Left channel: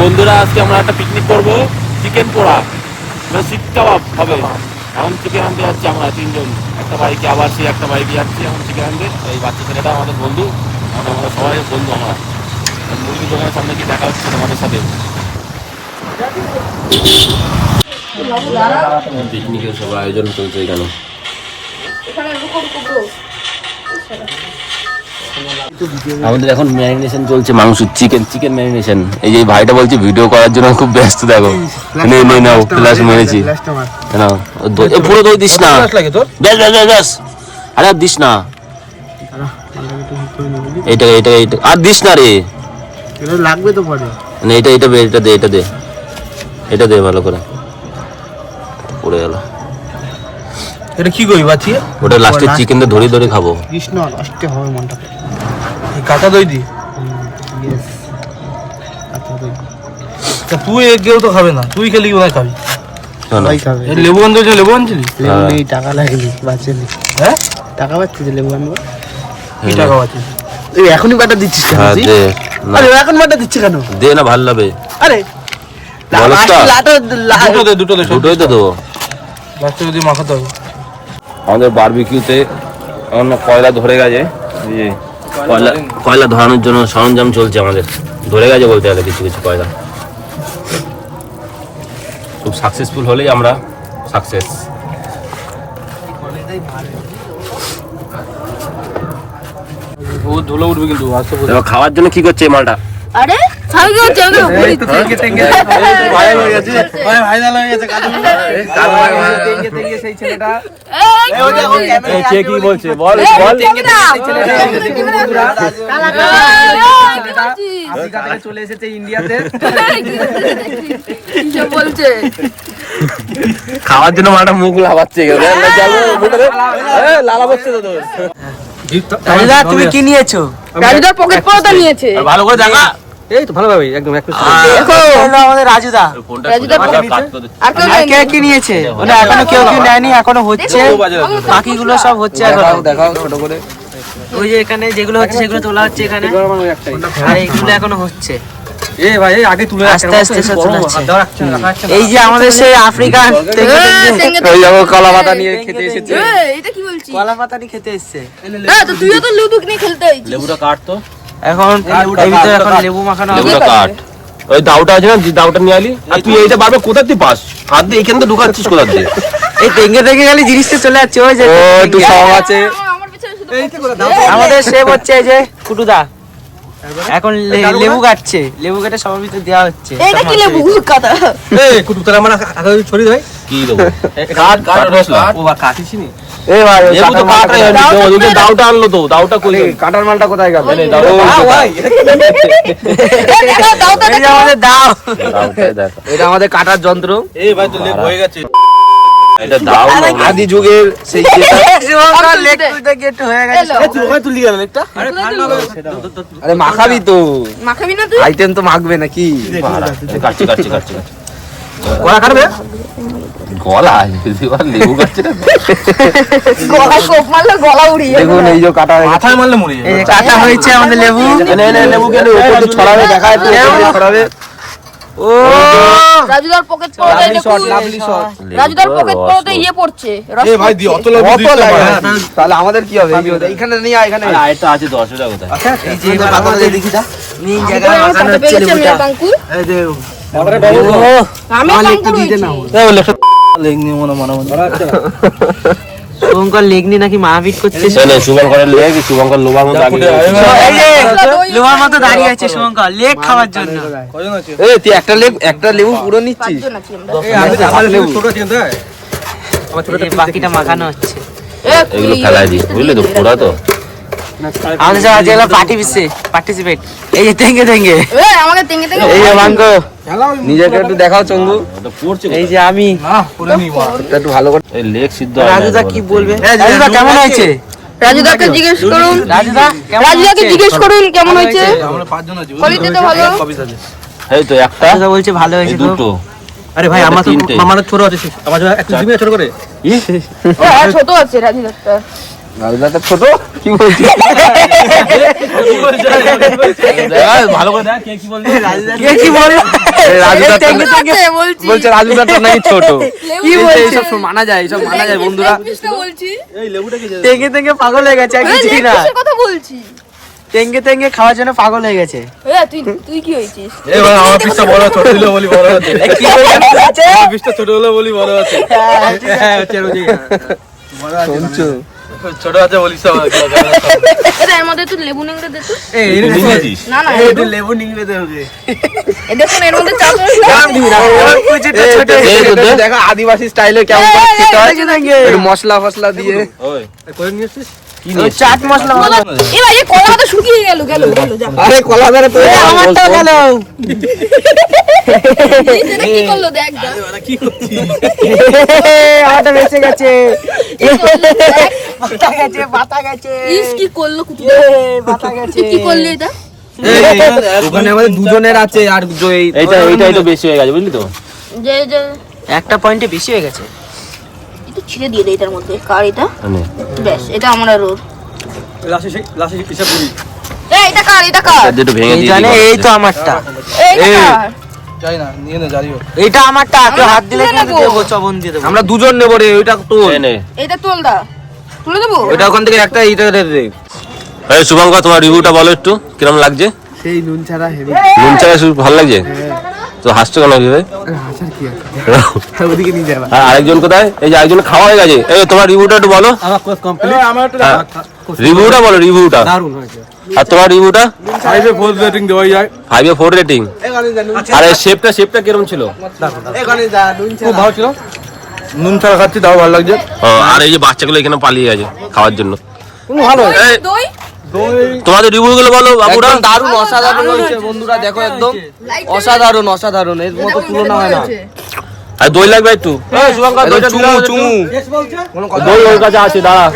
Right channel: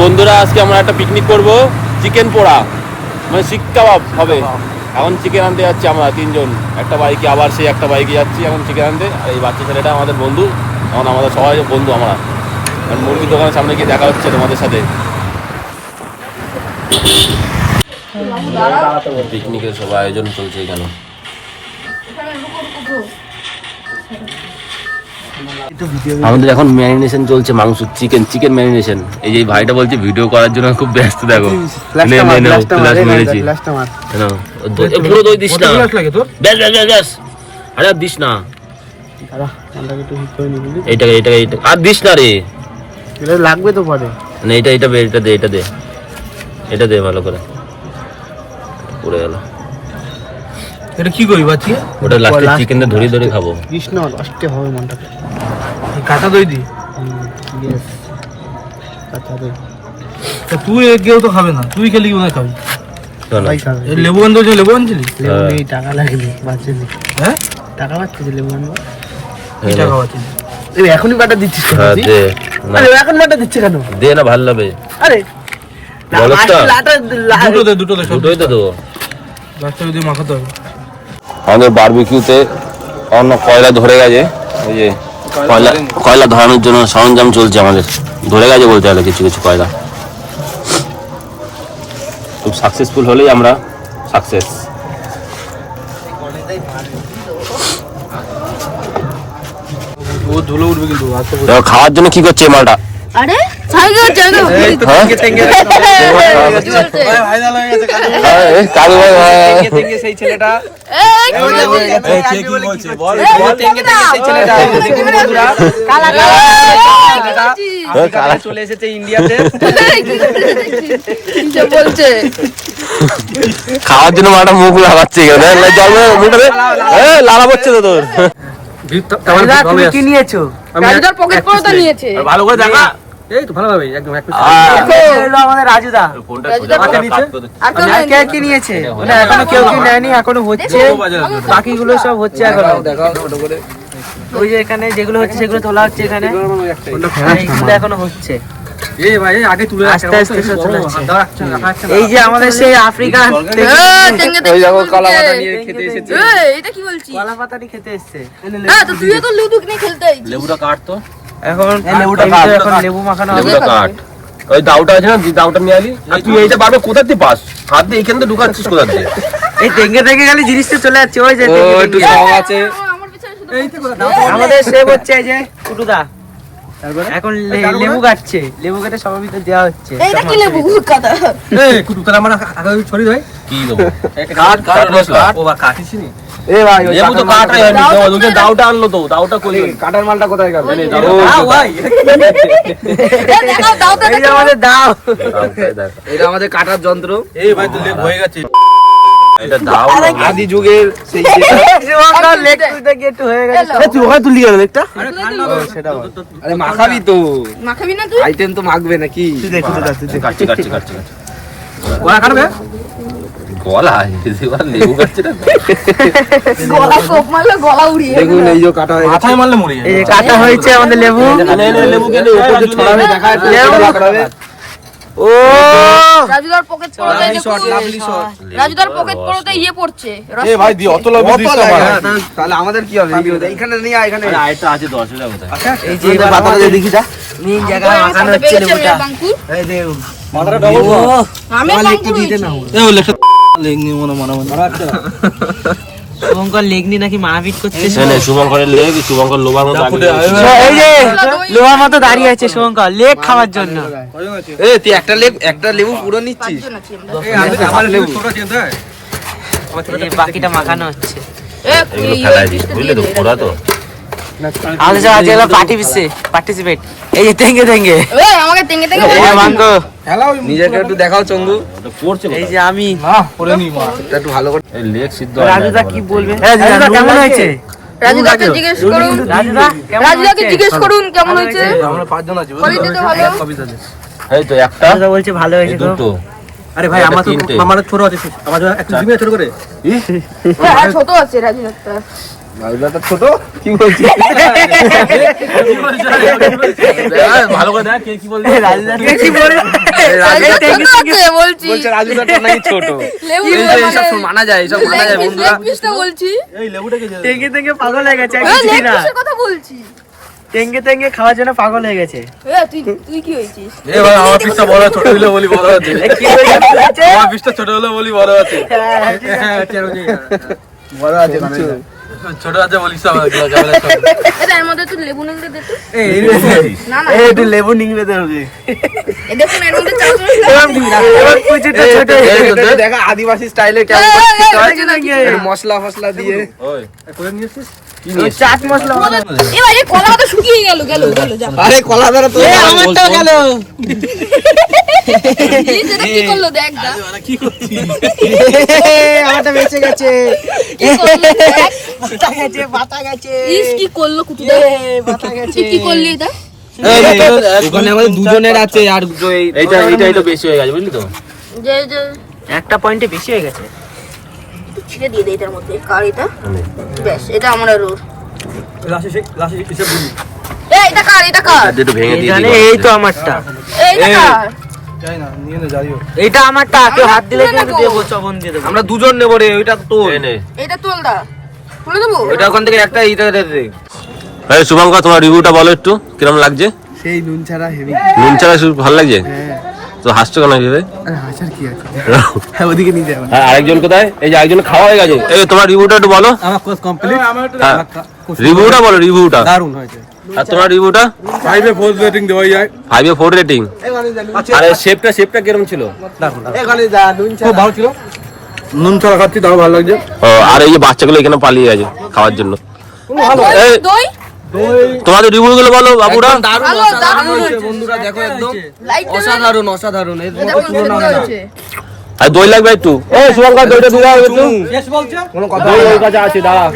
বন্ধুরা আজকে আমরা একটা পিকনিক করবো, চিকেন পোড়া মানে শিক কাবাব হবে। এখন চিকেন আনতে যাচ্ছি আমরা তিনজন, একটা বাইকে, আবার সেই একটা বাইকে যাচ্ছি এখন চিকেন আনতে। আর এই বাচ্চা ছেলেটা আমাদের বন্ধু, এখন আমাদের সবাই বন্ধু। আমরা মুরগির দোকানের সামনে গিয়ে দেখা হচ্ছে তোমাদের সাথে। পিকনিকের সব আয়োজন চলছে এখানে। আমাদের এখন ম্যারিনেশন চলছে মাংস, চিকেন ম্যারিনেশন। এই যে ভাইটা বলছে ভিডিও করার জন্য খুব ব্যস্ত, দেখো ফ্ল্যাশ মেরেছি। পুরো দই দিস না, আরে আর দিস না, এইটা আর দিস না রে, লাগবে তো পরে। এটা দে ভালো করে, পড়ে গেল। এটা কি করি বাচ্চি? ওটা লাস্টে চিকেনটা ধরে ধরে খাবো। কৃষ্ণ লাস্টে হবে মনটাকে। এই কাঁচা দই দি। ইয়েস, কাঁচা দই। তো তুই একগেও তো খাবে না, তুই খেলি ওরা খাবি। সবাই খাবে। লেবু আনতে, লেবু আনছিলি? লেবু নেই, টাকা লাগবে বাঁচেনি। হ্যাঁ টাকা বাঁচছে, লেবু আনবো। কি টাকা বাঁচে? এই এখনই বাটা দিচ্ছিস কেন? হ্যাঁ দে। আরে এখন বাটা দিচ্ছে কেন? দে না, ভালো লাগবে। আরে দুটোই তো দেবো। মাখাতে হবে। আমাদের বারবিকিউতে অন্য কয়লা ধরে গেছে, ওই যে কয়লা ধরানোর জন্য সরঞ্জাম চলছে আমাদের। ধরে গেছে বলতে গেলে কিছু কিছু কয়লা। খুব সাকসেসফুল হলেই আমরা সাকসেস। ও ধুলো উঠবে কিন্তু। খাওয়ার জন্য কি করছে এই মালটা? আরে সেই ছেলেটা কি বলছে বল আফ্রিকা থেকে চলে এসেছে ইন্ডিয়াতে। বলছে খাওয়ার জন্য মালটা মুখ লাগাচ্ছে, লালা পড়ছে তো তোর। তুমি কি নিয়েছো? পকেট পড়াটা নিয়েছে। ভালো করে দেখা। এই তো ভালোভাবে একদম আমাদের রাজুদা। আর কে কি নিয়েছে? ওটা এখনো কেউ কি নেয়নি, এখনো হচ্ছে, বাকিগুলো সব হচ্ছে এখনো। ওই যে এখানে যেগুলো হচ্ছে সেগুলো তোলা হচ্ছে এখানে, আর এইগুলো এখনো হচ্ছে। আস্তে আস্তে সব চলে যাচ্ছে। এই যে আমাদের সেই আফ্রিকান কলা পাতা নিয়ে খেতে এসেছে। এটা কি বলছিস? কলা পাতা নিয়ে খেতে এসছে। তুইও তো লেবু নিয়ে খেলতে আইছিস। লেবুটা কাট তো। এখন এই ভিতরে এখন লেবু মাখানো হবে। লেবুটা কাট। ওই দাউটা আছে না, দাউটা নিয়ে আলি। আর তুই এইটা বারবার কোথা দিয়ে পাস? হাত দিয়ে এখানে তো ঢুকাচ্ছিস কোথা দিয়ে? এই টেঙ্গে টেঙ্গে গেলে জিনিসটা চলে যাচ্ছে। ওই যে একটু সব আছে। আমাদের সেভ হচ্ছে এই যে কুটুদা এখন লেবু কাটছে, লেবু কেটে সবার ভিতরে দেওয়া হচ্ছে। এটা কি লেবু কাটা? এই কুটু তোরা আমার আগে ছড়ি ভাই কি দেবো? কাট কাট মশলা। ও বা কাটিস নি? এই ভাই লেবু তো কাটে, আমি দেবো। ওই দাউটা আনলো তো, দাউটা কই? কাটার মালটা কোথায় গেল? ভাই এই যে আমাদের দাও। এটা আমাদের কাটার যন্ত্র। এই ভাই তো লেবু হয়ে গেছে। এটা দাও না। আদি যুগের সেই শুভঙ্কর লেগ তুলতে গিয়ে একটু হয়ে গেছে। তুই ওখানে তুলি গেল একটা। আরে মাখাবি তো, মাখাবি না তুই? আইটেম তো মাখবে নাকি? কাটছি কাটছি কাটছি। গলা কাটবে? গলা লেবু কাটছে না। গলা সব মারলে গলা উড়িয়ে যাবে। দেখুন এই যে কাটা মাথায় মারলে মরে যাবে। এই যে কাটা হয়েছে আমাদের লেবু। লেবু গেলে উপর তো ছড়াবে, দেখা যাচ্ছে। ও রাজুদার পকেট পড়াতে রাজুদার পকেট পড়াতে ইয়ে পড়ছে। এ ভাই দি অত লবি দিস না ভাই। তাহলে আমাদের কি হবে? এখানে নিয়ে এখানে আরেকটা আছে 10 টাকা। এই যে এবার আমাদের দেখি যা মেইন জায়গায় মাখানো হচ্ছে লেবুটা। এই যে আমি লেগটা দিতে না। এই লেগটা লেগ নিয়ে মনে শুভঙ্কর লেগনি নাকি মারপিট করছে। শুভঙ্করের লেগ, শুভঙ্কর লোভার মতো এই যে লোহার মতো দাঁড়িয়ে আছে শুভঙ্কর লেগ খাওয়ার জন্য। এই তুই একটা লেবু পুরো নিচ্ছিস? হাফ লেবু। বাকিটা মাখানো হচ্ছে। এগুলো ফেলাই দিই, বুঝলি তো, পুরা তো। আমাদের সব আজকে পার্টিসিপেট। এই যে তেঙ্গে তেঙ্গে, আমাকে টেঙ্গে টেঙ্গে এই যে বাঙ্গো, নিজেকে একটু দেখাও চঙ্গু। এই যে আমি পুরো নিবা একটু ভালো করে। এই লেগ সিদ্ধ। রাজুদা কি বলবে? রাজুদা কেমন হয়েছে? রাজুদাকে জিজ্ঞেস করুন। রাজুদা কেমন রাজুদাকে হয়েছে? জিজ্ঞেস করুন কেমন হয়েছে। আমরা পাঁচজন আছি। সবাই তো ভালো। এই তো একটা, রাজুদা বলছে ভালো হয়েছে তো। দুটো। আরে ভাই আমার তিনটে। আমাদের ছোট আছে, আমার একটু জিমে ছোট করে। আর ছোট আছে রাজুদাটা। রাজুদাটা ছোট কি বলছিস? ভালো করে দেখ কে কি বলছিস? কি বললো? বলছি বলছে রাজুদাটা নাকি ছোট। এইসব মানা যায়, এইসব মানা যায় বন্ধুরা। বলছি টেঙ্গে টেঙ্গে পাগল হয়ে গেছে আর হ্যাঁ, কিছুই না। leg piece এর কথা বলছি। টেঙ্গে টেঙ্গে খাওয়ার জন্য পাগল হয়ে গেছে। হ্যাঁ, তুই কি হয়েছিস? এ ভাই আমার পিসটা বড়, ছোট হলো বলি বড় হচ্ছে। কি বলছে? আমার পিসটা ছোট হলো বলি বড় হচ্ছে। হ্যাঁ, ঠিক আছে। বড় আছে না। ছোট আছে বলিস তো আমার এটা এর মধ্যে তুই লেবু নিংড়ে দে তো। না না, একটু লেবু নিংড়ে দে ওকে। এটা তো এর মধ্যে চাপ মশলা এবার কুচিটা ছোট হয়ে গেছে। দেখো আদিবাসী স্টাইলে কেমন টেঙ্গে টেঙ্গে। মশলা ফসলা দিয়ে ওই ওই চাট মশলা বানানো। এই ভাই, এই কলা তো শুকিয়ে গেল যা। আরে কলা ধরে তো এ আমারটাও গেল। এটা কি করলো দেখ দা। আমারটা বেঁচে গেছে। কি করলো দেখ। বাতা গেছে, বাতা গেছে। ইস কি করলো কুতু। বাতা গেছে। কি করলি এটা? ওখানে আমাদের দুজনের আছে আর এইটাই তো বেশি হয়ে গেছে বুঝলি তো? যে একটা পয়েন্টে বেশি হয়ে গেছে। একটু ছিঁড়ে দিয়ে দে এটার মধ্যে কারিটা। বেশ, এটা আমার আর ওর। এই এটা কার, এটা কার? এটা দুটো ভেঙে দিয়ে জানে দিবি। এই তো আমারটা। এইটা কার? যাই না নিয়ে নে যাইও এইটা আমারটা, কেউ হাত দিলে কিন্তু দেবো, চবন দিয়ে দেবো। আমরা দুজন নেব রে ওইটা তো এই নে। এটা তোল দা। তুলে দেবো? ওইটা ওখান থেকে একটা ইতে দে দে এই শুভঙ্কর তোমার রিভিউটা বলো একটু কিরকম লাগছে? সেই নুন ছাড়া হেভি। নুন ছাড়া শুধু ভালো লাগছে? তো হাসছো কেন ভাই? হাসার কি আছে? ওদিকে নিয়ে যাবে। আর আরেকজন কোথায়? এই যে আরেকজন খাওয়া হয়ে গেছে। এই তোমার রিভিউটা একটু বলো। আমার কোর্স কমপ্লিট হ্যাঁ রিভিউটা বলো, রিভিউটা। দারুণ হয়েছে আর তোমার রিভিউটা? 5 এ 4 রেটিং দেওয়া যায় 5 এ 4 রেটিং। আর এই শেপটা কিরকম ছিল? খুব ভালো ছিল নুন ছাড়া খাচ্ছি তাও ভালো লাগছে ও আর এই যে বাচ্চাগুলো এখানে পালিয়ে গেছে খাওয়ার জন্য। এই, দই? তোমাদের রিভিউ গুলো বলো বাবুরা। দারুণ, অসাধারণ হয়েছে বন্ধুরা, দেখো একদম অসাধারণ, অসাধারণ, এর এটা মতো কোন তুলনা হয় না। হয়েছে? আর দই লাগবে একটু। এই শুভঙ্কর দইটা দিলাও একটু। দই ওর কাছে আছে, দাঁড়া।